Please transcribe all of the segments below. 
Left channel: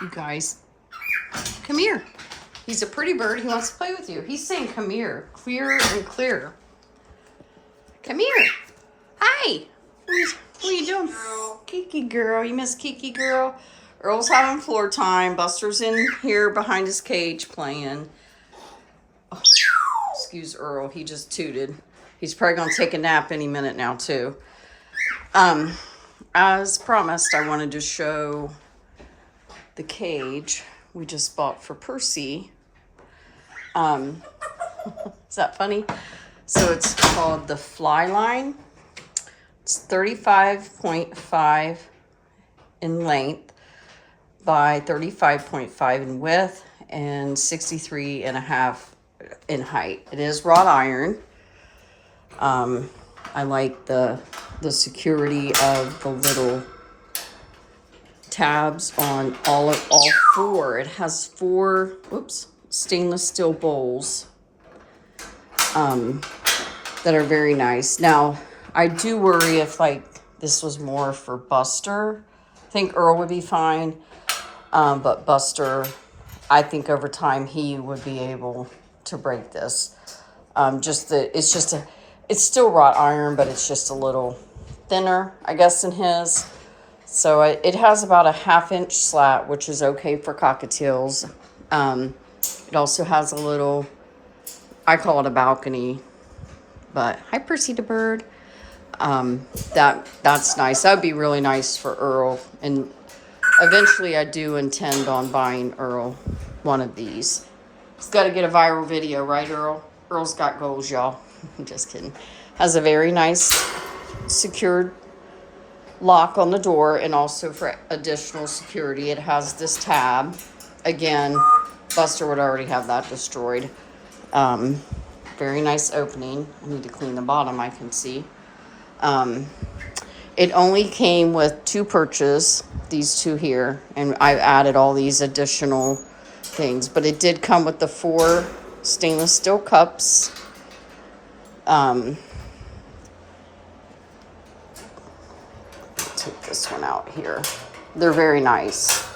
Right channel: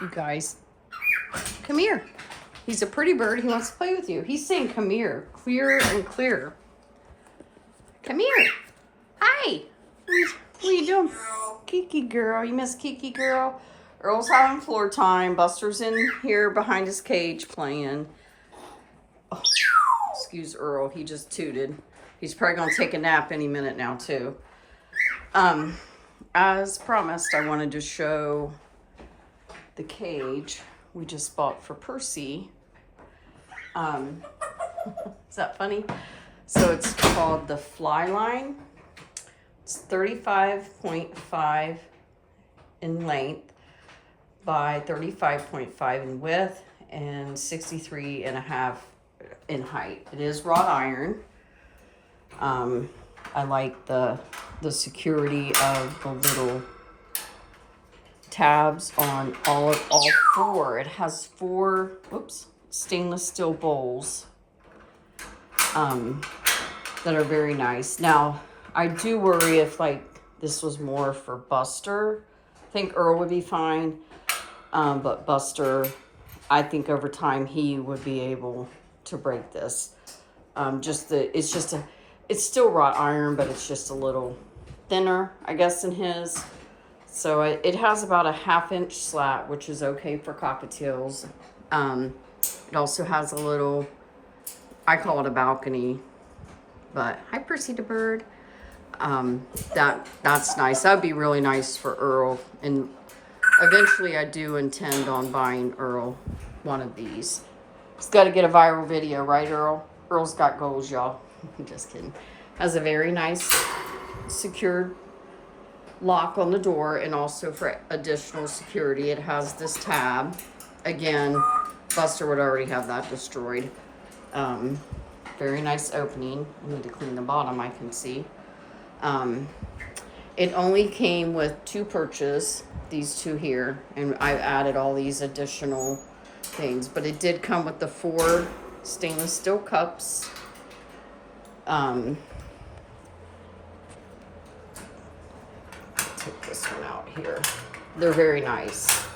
you guys. Come here. He's a pretty bird. He wants to play with you. He's saying come here. Clear and clear. Come here. Hi. What are you doing? Kiki girl. You miss Kiki girl? Earl's having floor time. Buster's in here behind his cage playing. Oh, excuse Earl. He just tooted. He's probably going to take a nap any minute now too. As promised, I wanted to show the cage we just bought for Percy. Is that funny? So it's called the Fly Line. It's 35.5 in length by 35.5 in width and 63.5 in height. It is wrought iron. I like the security of the little tabs on all four. It has four, stainless steel bowls that are very nice. Now, I do worry if like this was more for Buster. I think Earl would be fine, but Buster, I think over time he would be able to break this. It's still wrought iron, but it's just a little thinner, I guess, than his. So it has about a 1/2 inch slat, which is okay for cockatiels. It also has a little, I call it a balcony, but hi Percy the bird. That's nice. That would be really nice for Earl. And eventually I do intend on buying Earl one of these. He's got to get a viral video, right, Earl? Earl's got goals, y'all. I'm just kidding. Has a very nice secured lock on the door, and also for additional security it has this tab. Again, Buster would already have that destroyed. Very nice opening. I need to clean the bottom, I can see. It only came with 2 perches, these 2 here, and I added all these additional things, but it did come with the 4 stainless steel cups. Take this one out here. They're very nice.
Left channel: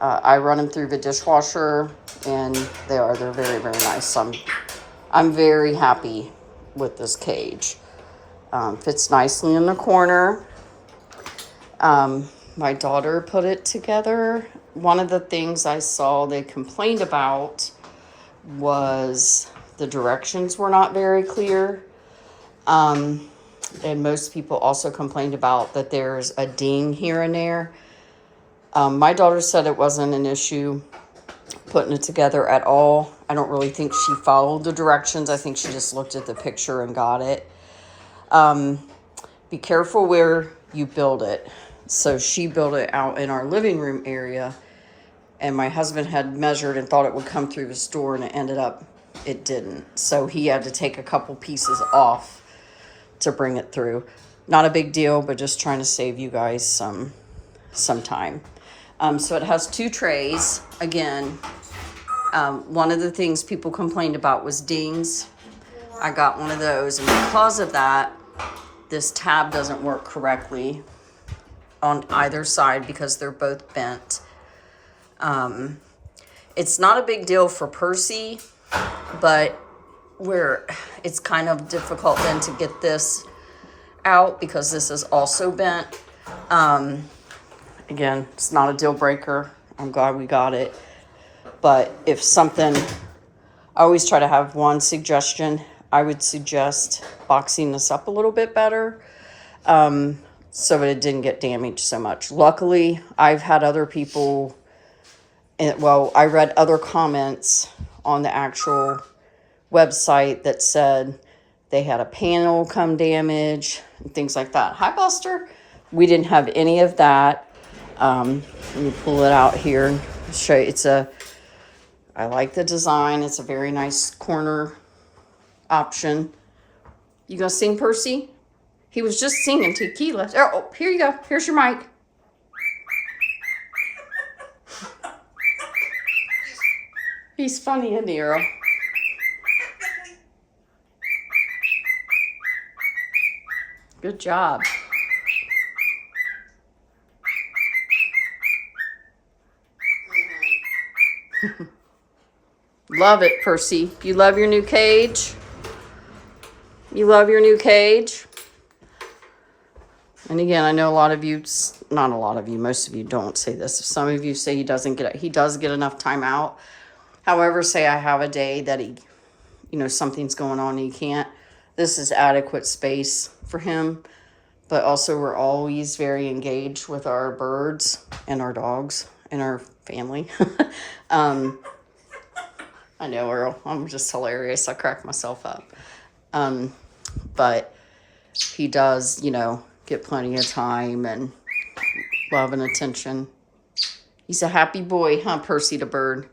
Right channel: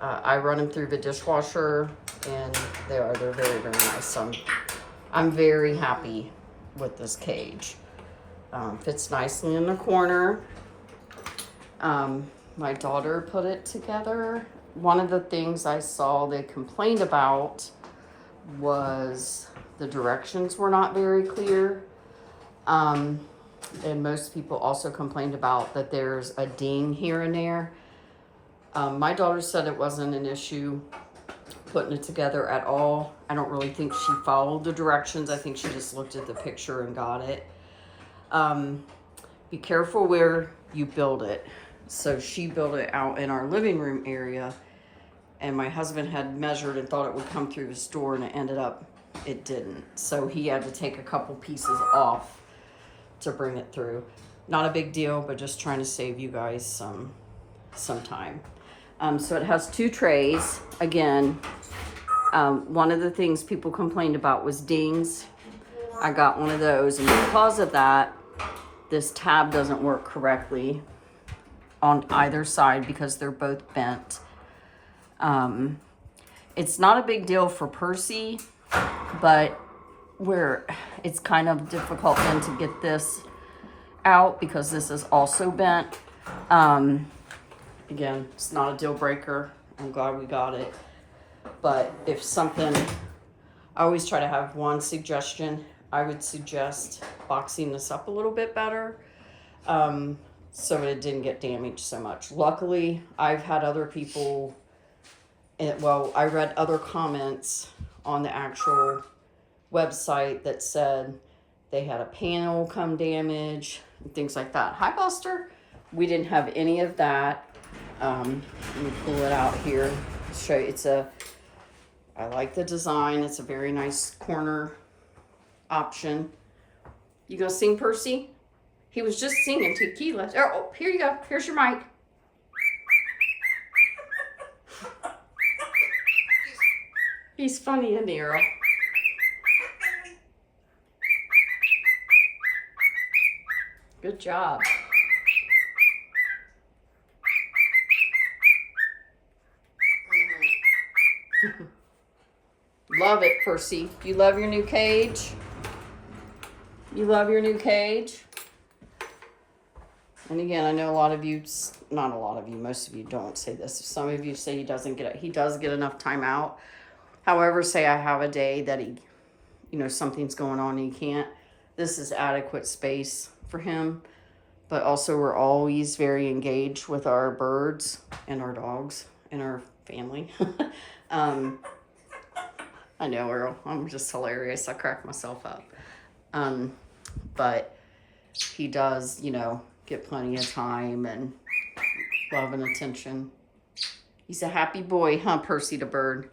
I run them through the dishwasher, and they're very, very nice. So I'm very happy with this cage. Fits nicely in the corner. My daughter put it together. One of the things I saw they complained about was the directions were not very clear. And most people also complained about that there's a ding here and there. My daughter said it wasn't an issue putting it together at all. I don't really think she followed the directions. I think she just looked at the picture and got it. Be careful where you build it. So she built it out in our living room area, and my husband had measured and thought it would come through his door, and it didn't. So he had to take a couple pieces off to bring it through. Not a big deal, but just trying to save you guys some time. So it has 2 trays. Again, one of the things people complained about was dings. I got one of those, and because of that, this tab doesn't work correctly on either side because they're both bent. It's not a big deal for Percy, but it's kind of difficult then to get this out because this is also bent. Again, it's not a deal breaker. I'm glad we got it. But if something, I always try to have one suggestion. I would suggest boxing this up a little bit better, so that it didn't get damaged so much. Luckily, I've had other people, I read other comments on the actual website that said they had a panel come damaged and things like that. Hi, Buster. We didn't have any of that. Let me pull it out here and show you. I like the design. It's a very nice corner option. You gonna sing, Percy? He was just singing Tequila. Oh, here you go. Here's your mic. He's funny, isn't he, Earl? Good job. Love it, Percy. You love your new cage? You love your new cage? And again, I know a lot of you, not a lot of you, most of you don't say this. Some of you say he does get enough time out. However, say I have a day that he, something's going on and he can't. This is adequate space for him. But also we're always very engaged with our birds and our dogs and our family. I know, Earl, I'm just hilarious. I crack myself up. But he does, get plenty of time and love and attention. He's a happy boy, huh, Percy the bird?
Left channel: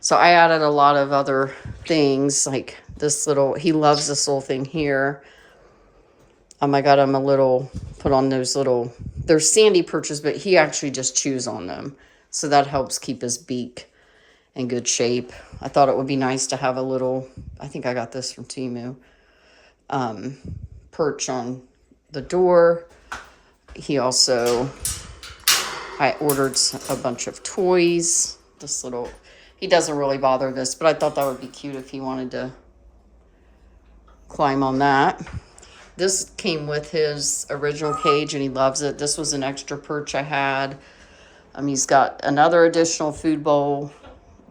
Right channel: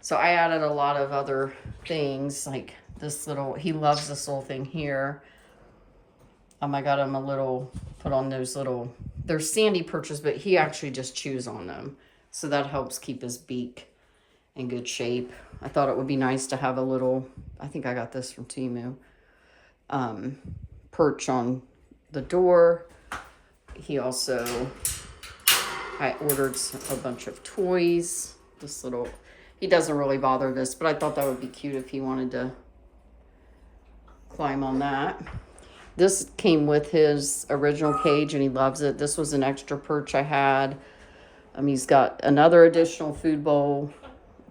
So I added a lot of other things, like this little, he loves this little thing here. I got him put on those little, they're sandy perches, but he actually just chews on them. So that helps keep his beak in good shape. I thought it would be nice to have a little, I think I got this from Temu, perch on the door. He also, I ordered a bunch of toys. He doesn't really bother this, but I thought that would be cute if he wanted to climb on that. This came with his original cage and he loves it. This was an extra perch I had. He's got another additional food bowl,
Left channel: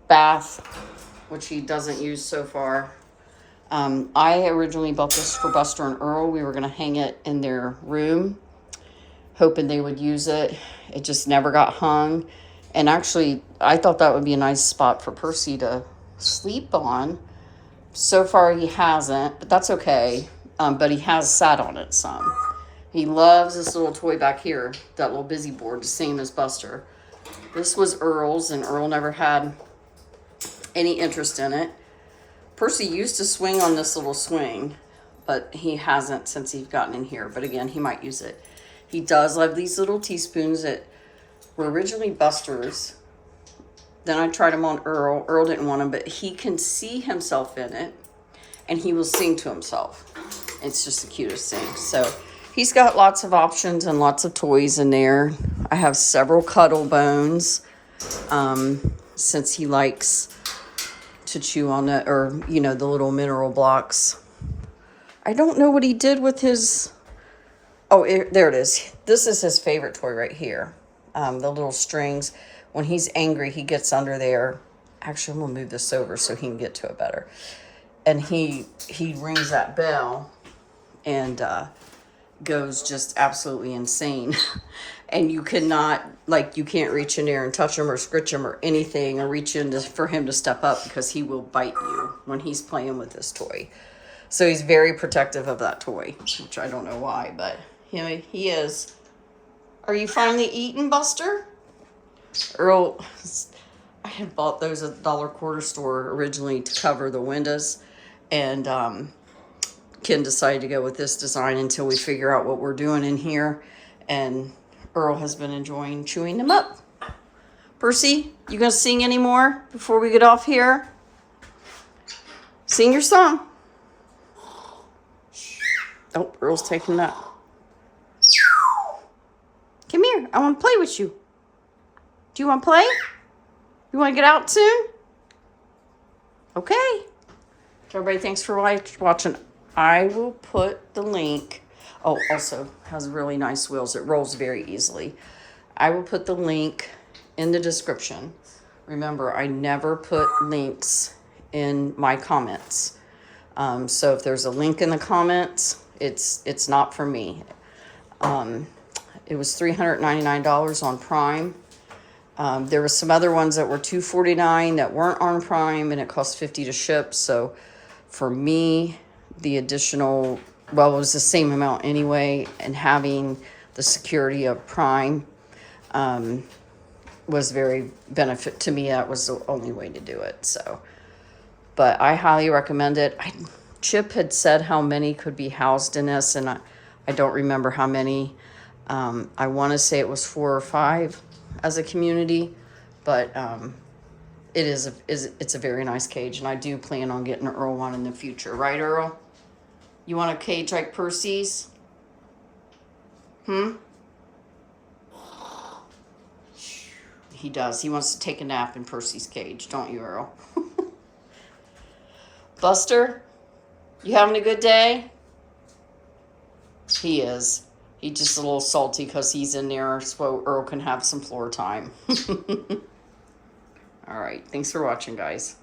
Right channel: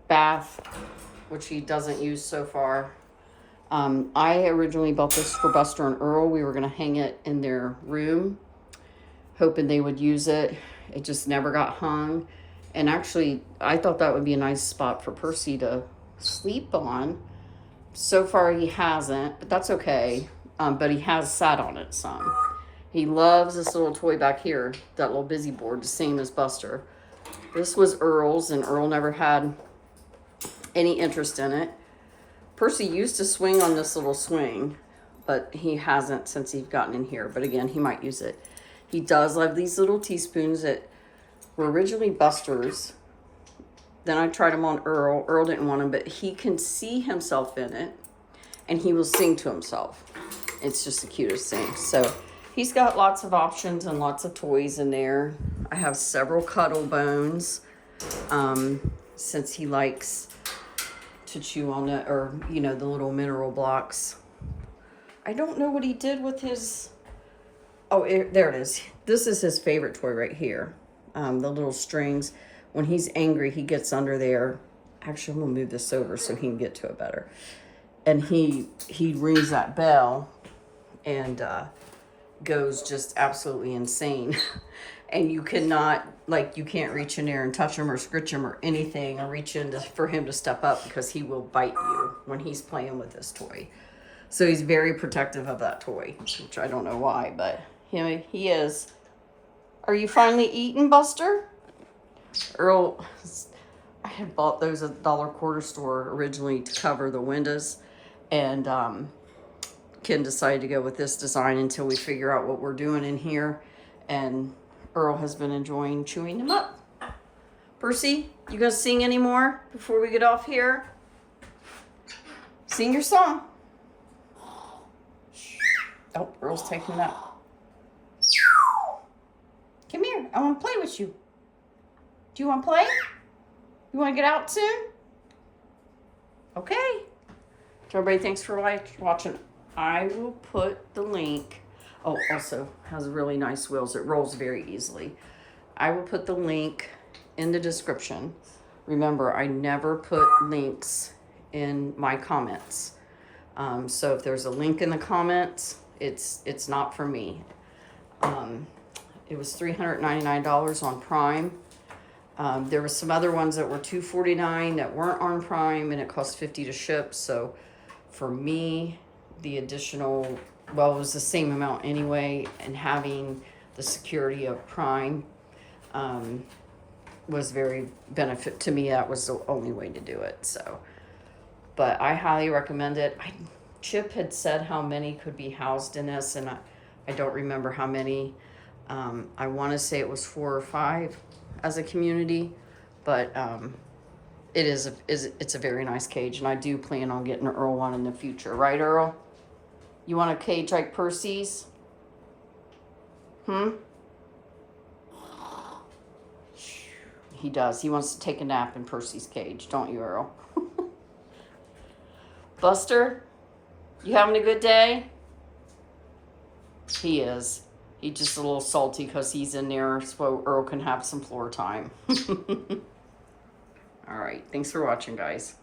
bath, which he doesn't use so far. I originally bought this for Buster and Earl. We were going to hang it in their room, hoping they would use it. It just never got hung. And actually, I thought that would be a nice spot for Percy to sleep on. So far, he hasn't, but that's okay. But he has sat on it some. He loves this little toy back here, that little busy board, the same as Buster. This was Earl's, and Earl never had any interest in it. Percy used to swing on this little swing, but he hasn't since he's gotten in here. But again, he might use it. He does love these little teaspoons that were originally Buster's. Then I tried them on Earl. Earl didn't want them, but he can see himself in it, and he will sing to himself. It's just the cutest thing. So he's got lots of options and lots of toys in there. I have several cuddle bones, since he likes to chew on it, or, the little mineral blocks. I don't know what he did with his, there it is. This is his favorite toy right here. The little strings. When he's angry, he gets under there. Actually, I'm gonna move this over so he can get to it better. And he rings that bell and goes just absolutely insane. And you cannot, you can't reach in there and touch him or scritch him or anything, or reach in for him to step up, because he will bite you when he's playing with this toy. So he's very protective of that toy, which I don't know why, but he is. Are you finally eating, Buster? Earl, I had bought those at the dollar quarter store originally to cover the windows, and Ken decided to go with this design until we figure out what we're doing in here, and Earl has been enjoying chewing them up. Percy, you gonna sing any more before we get off here? Sing your song. Oh, Earl's taking that. Come here, I want to play with you. Do you want to play? You want to get out soon? Okay. So everybody, thanks for watching. I will put the link. Oh, also has really nice wheels. It rolls very easily. I will put the link in the description. Remember, I never put links in my comments. So if there's a link in the comments, it's not for me. It was $399 on Prime. There were some other ones that were $249 that weren't on Prime, and it cost $50 to ship. So for me, the additional, it was the same amount anyway, and having the security of Prime was very benefit to me. That was the only way to do it. So, but I highly recommend it. Chip had said how many could be housed in this, and I don't remember how many. I want to say it was 4 or 5 as a community, but it's a very nice cage, and I do plan on getting Earl one in the future. Right, Earl? You want a cage like Percy's? He does. He wants to take a nap in Percy's cage, don't you, Earl? Buster, you having a good day? He is. He's just a little salty because he's in there so Earl can have some floor time. All right. Thanks for watching, guys.